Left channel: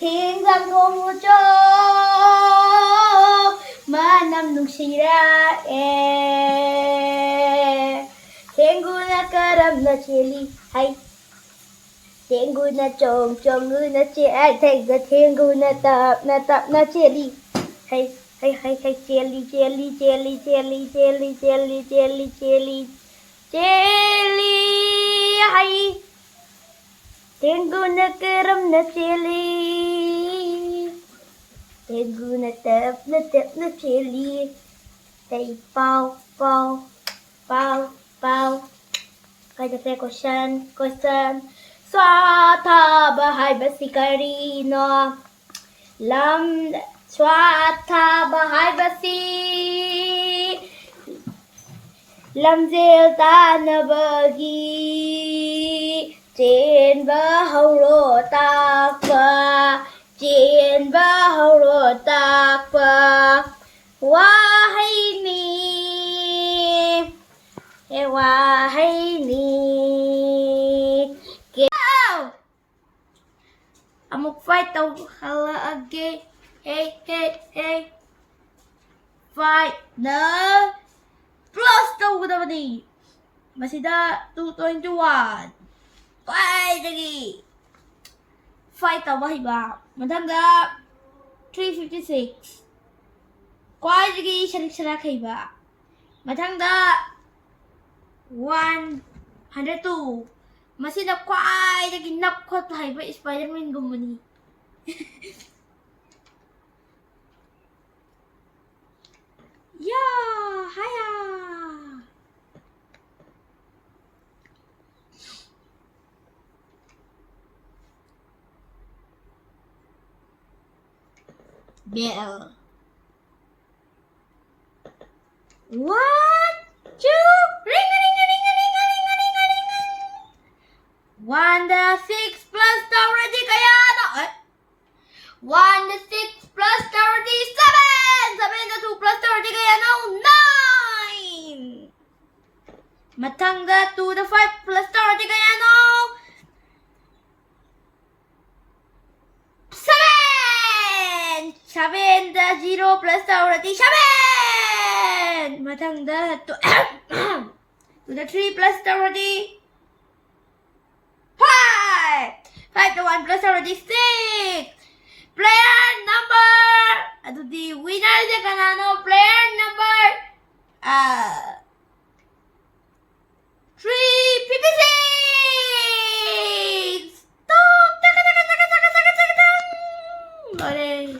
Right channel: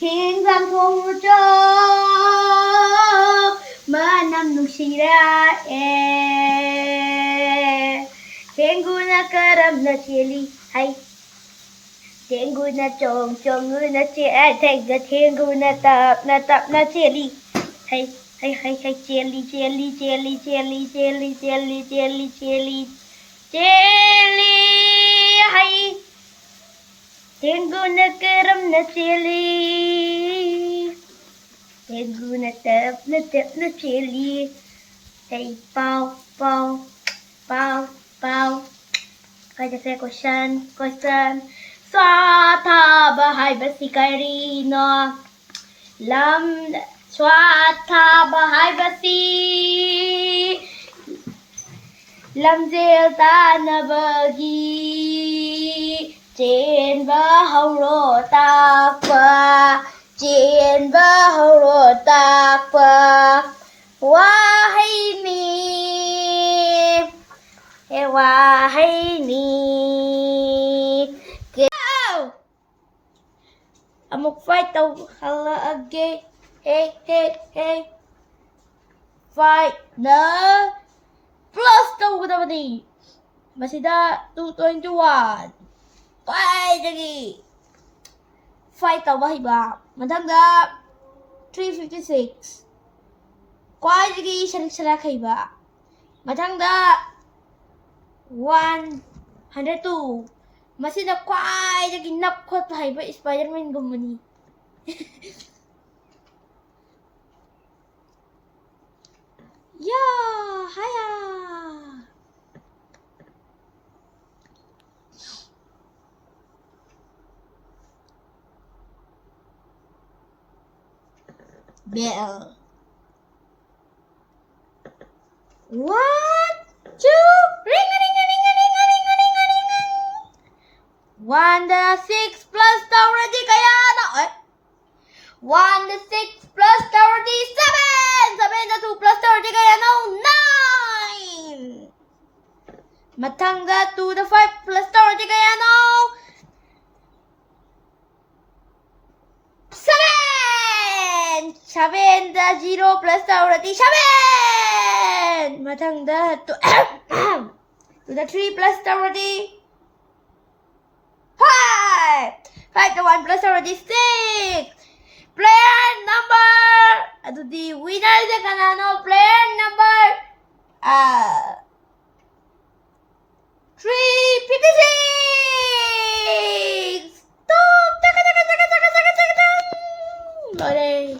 Hinggang pumutok manam nungsirae Tengu na karam na chili hay Tengu na chong na chili Tengu na tap na chili hay hay hay hay chili hay Tengu na karam na chili Tengu na tap na chili Hey bao Kada fe question Swatha bahai basikari no Lam Swatha bahai basi Lam zel tanabagi Trên bờ hậu rô tạc phà Trên bờ hậu rô tạc phà Hoa hay ni Hoa hay ni Amok fight tàu khara again Hey Fight na Plus tàu ko dapat ni Masida 221 Fight lagi Fight tàu bahay ba Matangga 356 Kwai lagi sharik-sharak hay ba Matangga 102 Masina kwai lagi napkot hay ba Spider-Man gumani Yeah, haya Bell 1, 2 Ring One the 6 plus 30 kaya ano 1 the 6 plus 37 7 the 2 plus 30 kaya ano 9 Matangga 2 the 5 plus 30 kaya ano 7 7 the 0 plus 30 7 Matangga 2 the 3 plus 30 5 to 1 plus 36 Player number Ito di winner di kanano Player number 356 Stop Taka Lore